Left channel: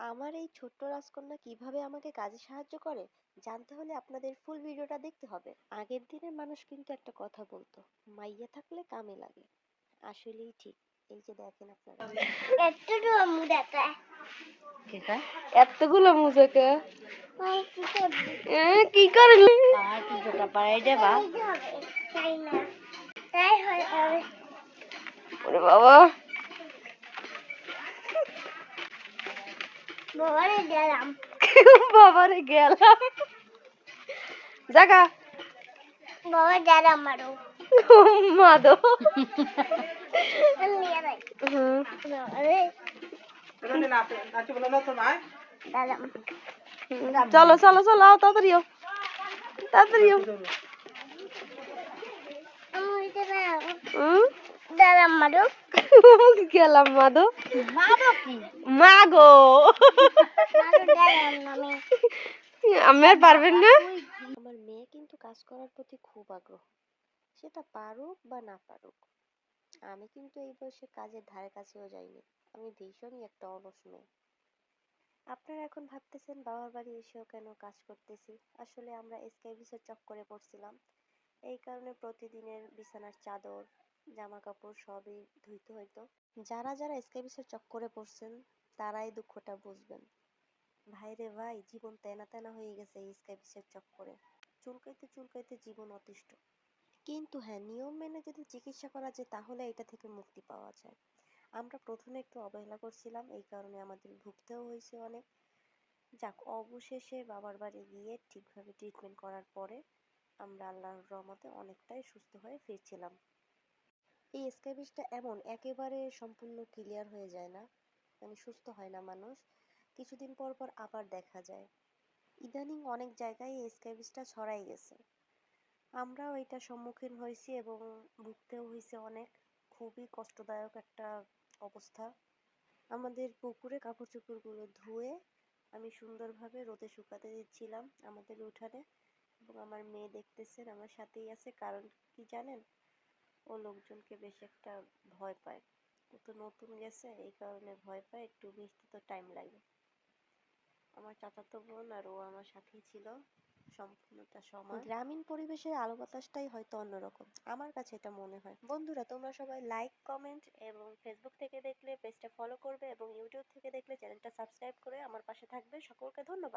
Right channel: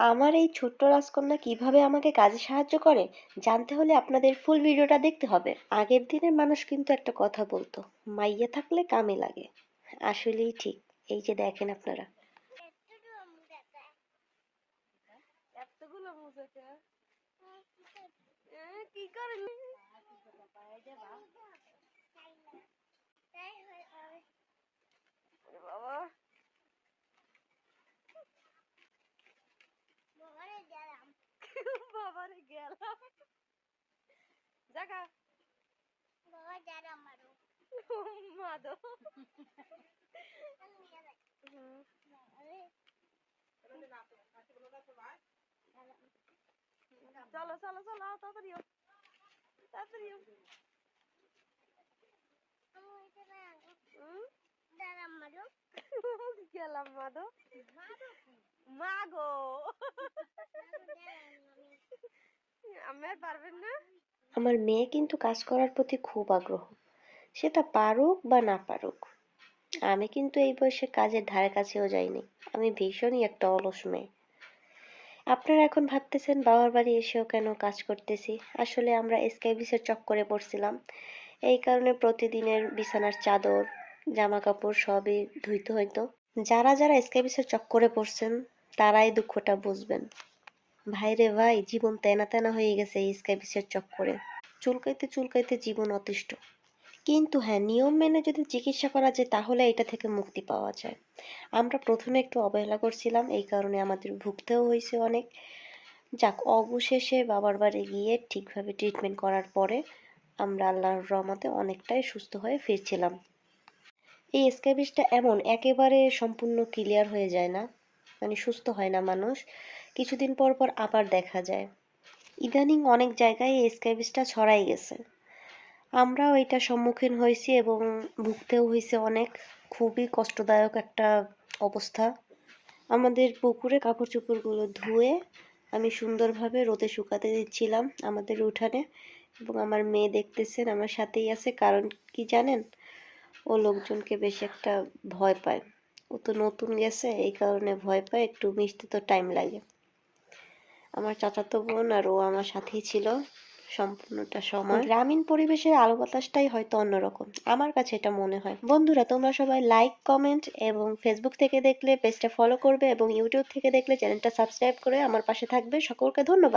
আমার এই ছোট্ট রাজকন্যা কিভাবে আমাকে কাজে সাহায্য করে জানতে হলে আপনাদের ফুল ভিডিওটা দেখতে হবে। আগের দিনের মানুষ কিন্তু একটা কথা বলতো, মাইয়া থাকলে কামে লাগে। আসলেই ঠিক। এই যে দেখেন আপনারা, এতগুলো মুজাকে কি করে ওরে বাবা, বাবারে গেলাম জাগা বাবা গেলাম মারো মাদো চলো চলো চলো আও তাড়াতাড়িও তাড়াতাড়িও গেলাম মারো গেলাম মাদো মারো কি মাগো আমি আমি আর পারবেন না। আমার মেয়ে কিন্তু কাজ করার প্রতি খুব আগ্রহ, সেটা পারুক বা না পারুক। আমি কিন্তু এই বয়সে কাজের ধারে কাছেও যাইনি। আমি ভীষণই একটা অলস মেয়ে। আপনারা এখন ভাবতেছেন বাবার বাড়ি এসেও কেন কাজ করতেছি। আসলে আমরা এসকেবিসের চক্করে পড়ছিলাম, এই কারণে প্রতিদিনের বিছানার চাদর জামা কাপড় সবই ধুইতে হইতো। যারা যারা এসকেবিসের চক্করে পড়ছেন তারাই দুঃখটা বুঝবেন। ভাইরে ভাই, জীবন তেনা তেনা হয়ে গেছে এই স্ক্যাবিসের চক্করে। চুলকাইতে চুলকাইতে জীবন অতিষ্ঠ। কিন্তু হ্যাঁ, নিয়ম মেনে যদি চিকিৎসা করা যায় তাহলে এটা থেকে মুক্তি পাওয়া যায়। আমরা প্রথমে একটু অবহেলা করছিলাম, এই কারণে আমাদের ভুগতেও হয়েছে অনেক। যাক, অবশেষে বাবার বাড়ি গিয়ে ঠিকভাবে ট্রিটমেন্ট করার পরে আমরা আল্লাহর রহমতে অনেকটাই সুস্থ হয়ে ফিরছিলাম। এই স্ক্যাবিসটা এমন একেবারে সম্পূর্ণ ক্লিয়ার হয়ে যায় না, মানে সুস্থ হয় না মানুষ, কিছুদিন পর পর আবার দেখা যায়। ইদানিং অনেক জায়গায় এই স্ক্যাবিসটা ছড়াই গেছে। আমরাও এটার সম্মুখীন হয়েছি এবং ভুগতেও হয়েছে অনেক। খুবই কষ্টদায়ক একটা অবস্থা। আমাদের পুকুরে কাপড় চোপড়গুলো ধুয়ে আমি সুন্দরভাবে রোদে শুকাতে দিচ্ছিলাম আমাদের উঠানে, এবং আমার মেয়ে দেখতেছেন আমার সাথেই আছে। কারণ কি জানেন, ও লোকজনকে বেশি একটা ভয় পায়। ও তো নতুন গেছে, এই কারণে ভয় পায়, একটু মিশতে তো টাইম লাগে। আমার চাচাতো বোন আর ও আমার সাথেই ছিল সম্পূর্ণটা সময়। গ্রামীণ পরিবেশের আলো বাতাসটাই হয়তো অন্যরকম, আমার কাছে এটা মনে হয়। বন্ধুরা, তোমরা সবাই লাইক, কমেন্ট এবং ফেসবুক থেকে দেখলে পেজটা ফলো করবে এবং ইউটিউব থেকে দেখলে চ্যানেলটা সাবস্ক্রাইব করে আমার পাশে থাকবে। সকলকে ধন্যবাদ।